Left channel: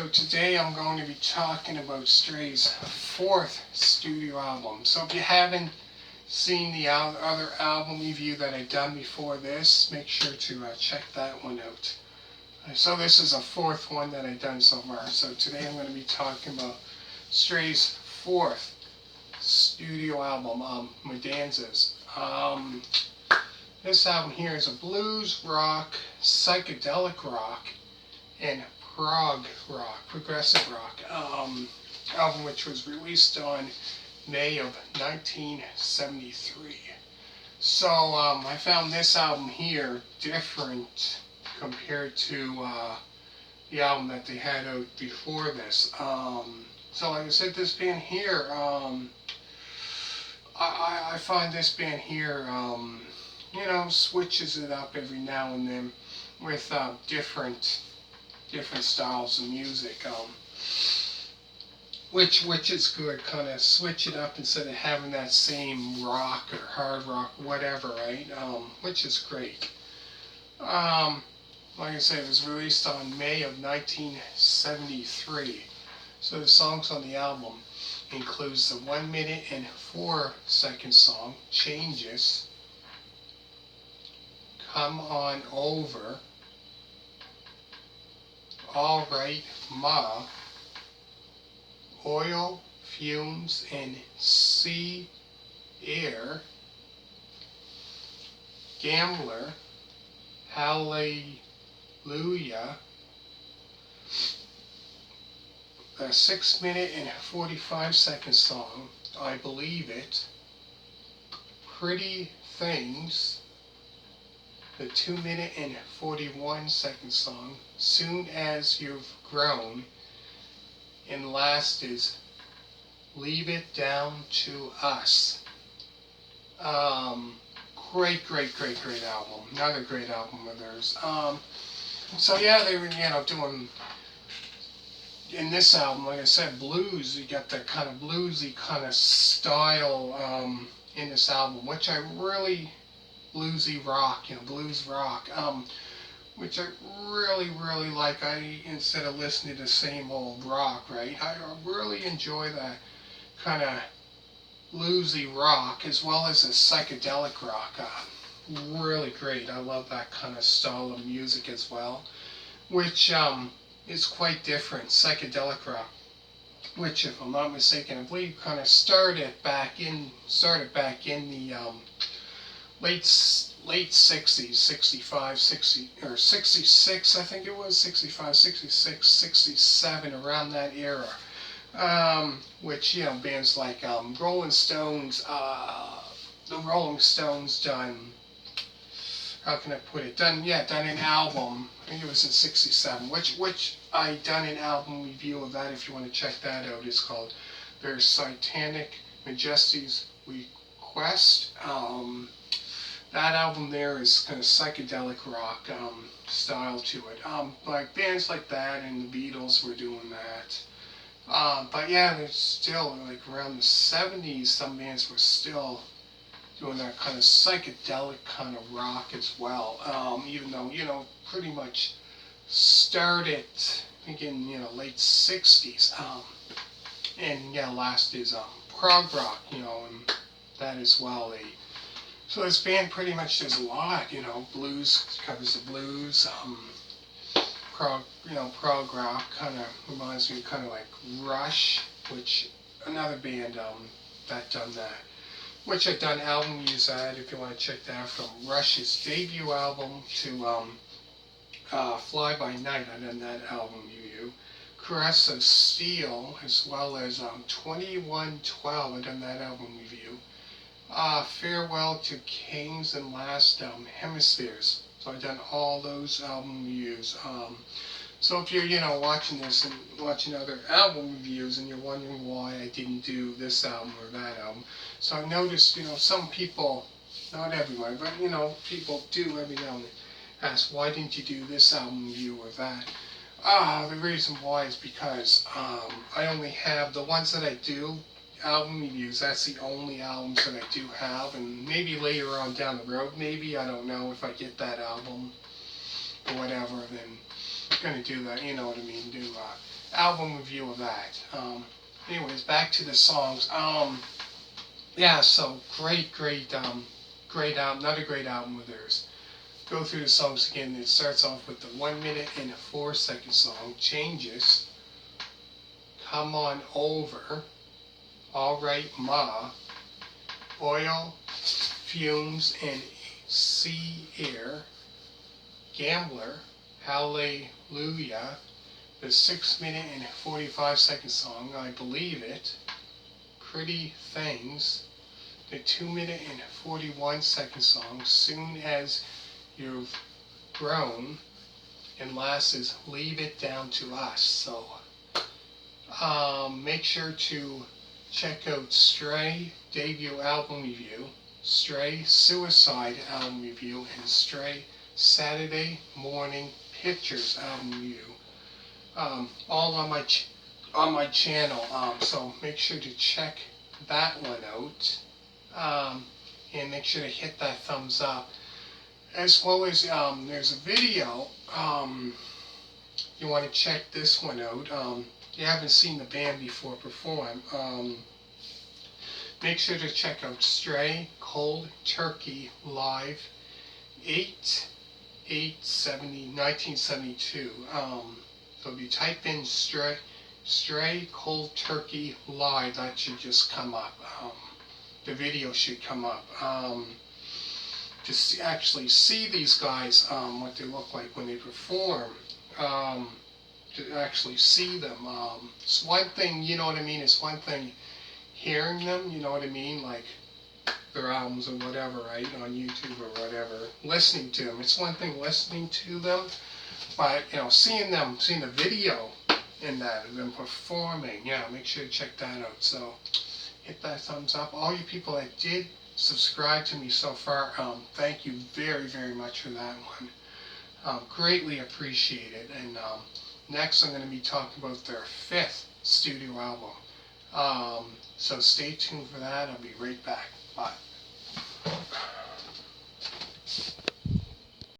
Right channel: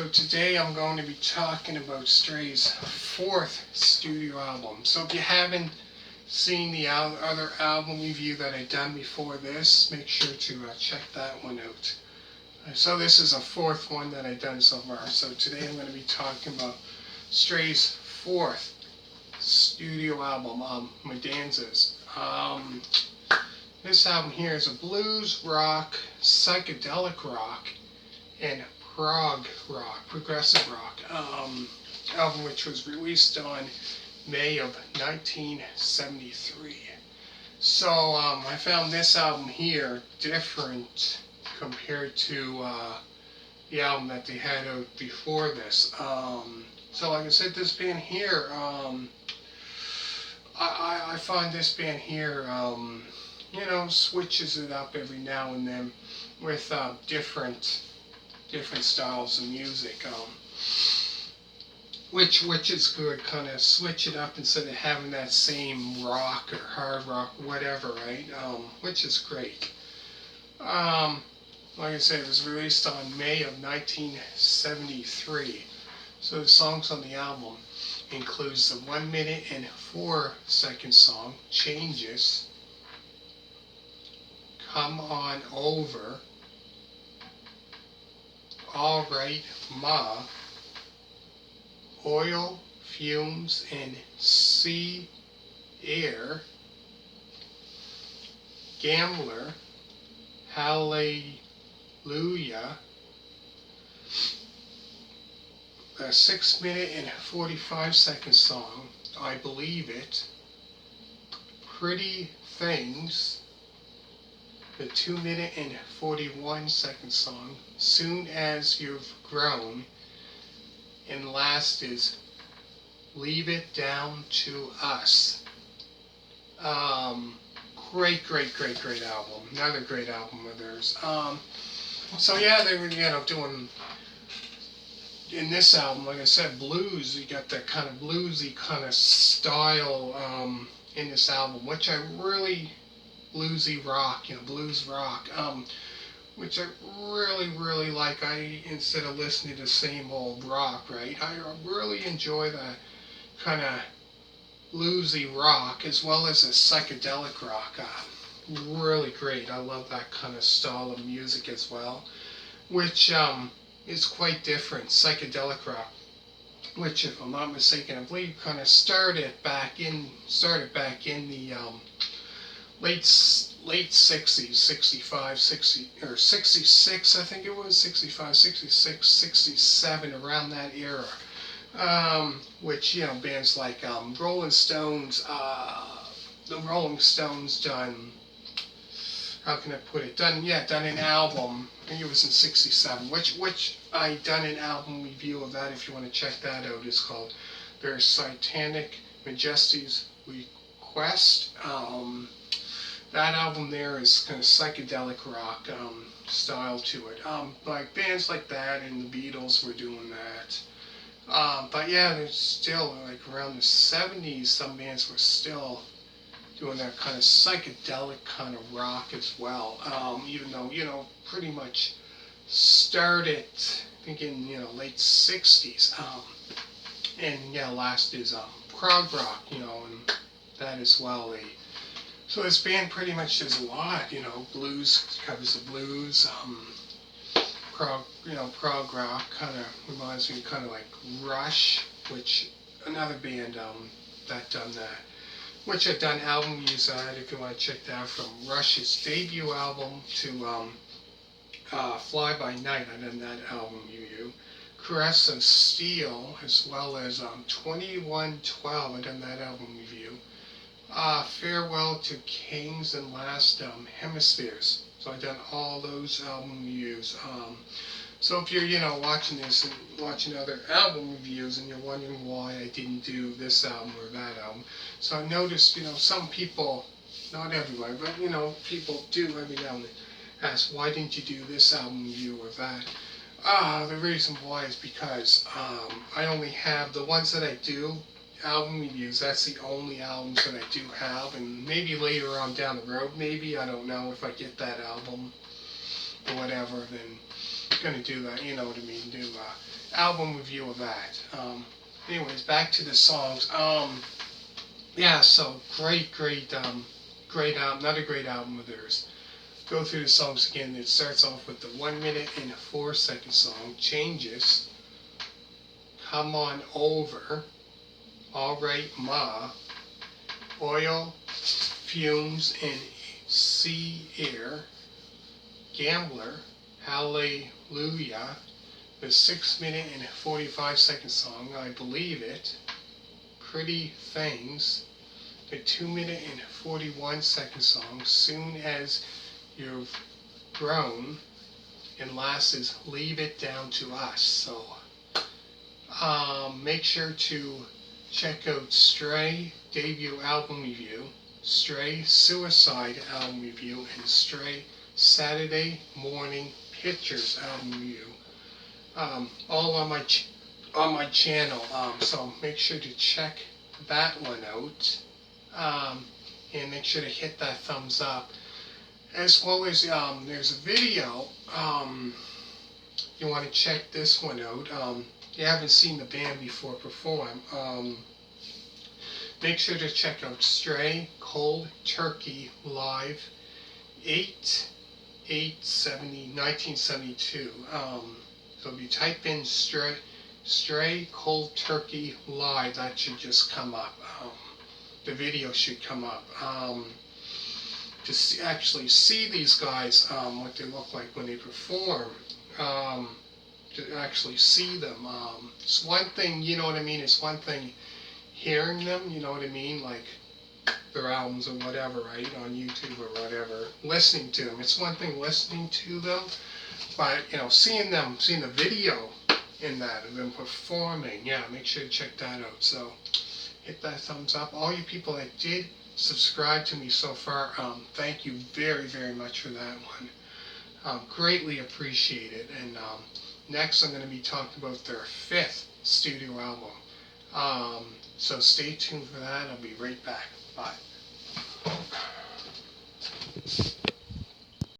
So today I'm going to be talking about Stray's fourth studio album. So if you haven't seen the other album review that I've done before this, make sure to check that one out. So this is a fourth one that I've done so far. So today I'm going to be talking about Stray's fourth studio album, Mudanzas. This album here is a blues rock, psychedelic rock, and prog rock, progressive rock album, which was released on May of 1973. So I found this album here different compared to the album that they had out before this. So like I said, this band here, I find this band here, switches it up every now and then with different styles of music, which is good. Kind of switch it up instead of having that same rock or hard rock, whatever, right? Which is great. Like I said, it was released on May of 1973. So the songs on the album includes the 1 minute and 4 second song Changes, Come On Over, All Right Ma, Oil, Fumes and Sea Air, Gambler, Hallelujah, the 6 minute and 45 second song I Believe It, Pretty Things, the 2 minute and 41 second song Soon As You've Grown, and last is Leave It Down to Us. Great album. Another great album of theirs. So yeah, they were doing in this album, like I said, blues. You got that kind of bluesy kind of style in this album, which I really bluesy rock, blues rock, which I really like. Instead of listening to the same old rock, right? I really enjoy that kind of bluesy rock as well as a psychedelic rock. Really great. I love that kind of style of music as well, which is quite different. Psychedelic rock, which, if I'm not mistaken, I believe kind of started back in the late 60s, 65, 60, or 66, I think it was, 65, 66, 67, around that era. Which, bands like Rolling Stones, the Rolling Stones done, how can I put it, done an album, I think it was in 67, which I done an album review of that. If you want to check that out, it's called Their Satanic Majesty's Request. That album there is kind of psychedelic rock style to it. Like bands like that and the Beatles were doing that. But yeah, there's still, like around the 70s, some bands were still doing that kind of psychedelic kind of rock as well. Even though, pretty much started, I think in, late 60s. And yeah, last is prog rock, and that as well. So this band pretty much does a lot, blues, covers the blues, prog rock, kind of reminds me kind of like Rush, which another band that done that, which I've done album reviews on it if you want to check that out, from Rush's debut album to Fly By Night. I've done that album review. Caress of Steel, as well as 2112, I've done that album review. Farewell to Kings and Last Hemispheres. So I've done all those album reviews. So if you're, watching this and watching other album reviews and you're wondering why I didn't do this album or that album, so I noticed, some people, not everyone, but, people do every now and then ask, why didn't you do this album review or that? The reason why is because I only have the ones that I do album reviews. That's the only albums that I do have, and maybe later on down the road, maybe, I don't know, if I get that album or whatever, then I'm gonna do that, you know what I mean, do album review of that. Anyways, back to the songs. Yeah, so great album, another great album of theirs. Go through the songs again. It starts off with the 1 minute and 4 second song, Changes, Come On Over, Alright Ma, Oil, Fumes and Sea Air, Gambler, Hallelujah, the 6 minute and 45 second song, I Believe It, Pretty Things, the 2 minute and 41 second song, Soon As You've Grown, and last is Leave It Down to Us. So make sure to check out Stray debut album review, Stray Suicide album review, and Stray Saturday Morning Pictures album review. All on my channel. So make sure to check that one out, and make sure to hit that thumbs up. As well as there's a video. You want to check this one out. You haven't seen the band before perform. Make sure to check out Stray Cold Turkey Live 1972. So if you type in Stray Cold Turkey Live, that should just come up. The video should come up. To actually see these guys, what they look like when they perform, to actually see them. It's one thing, you know what I mean, it's one thing hearing them, you know what I mean, like their albums or whatever, right, on YouTube or whatever, listening to them. It's one thing listening to them, but, seeing the video in that, of them performing, yeah, make sure to check that out. So, hit that thumbs up. All you people that did subscribe to me so far, thank you very, very much for that one. Greatly appreciate it. And next I'm going to be talking about their 5th studio album. So stay tuned for that. I'll be right back. Bye.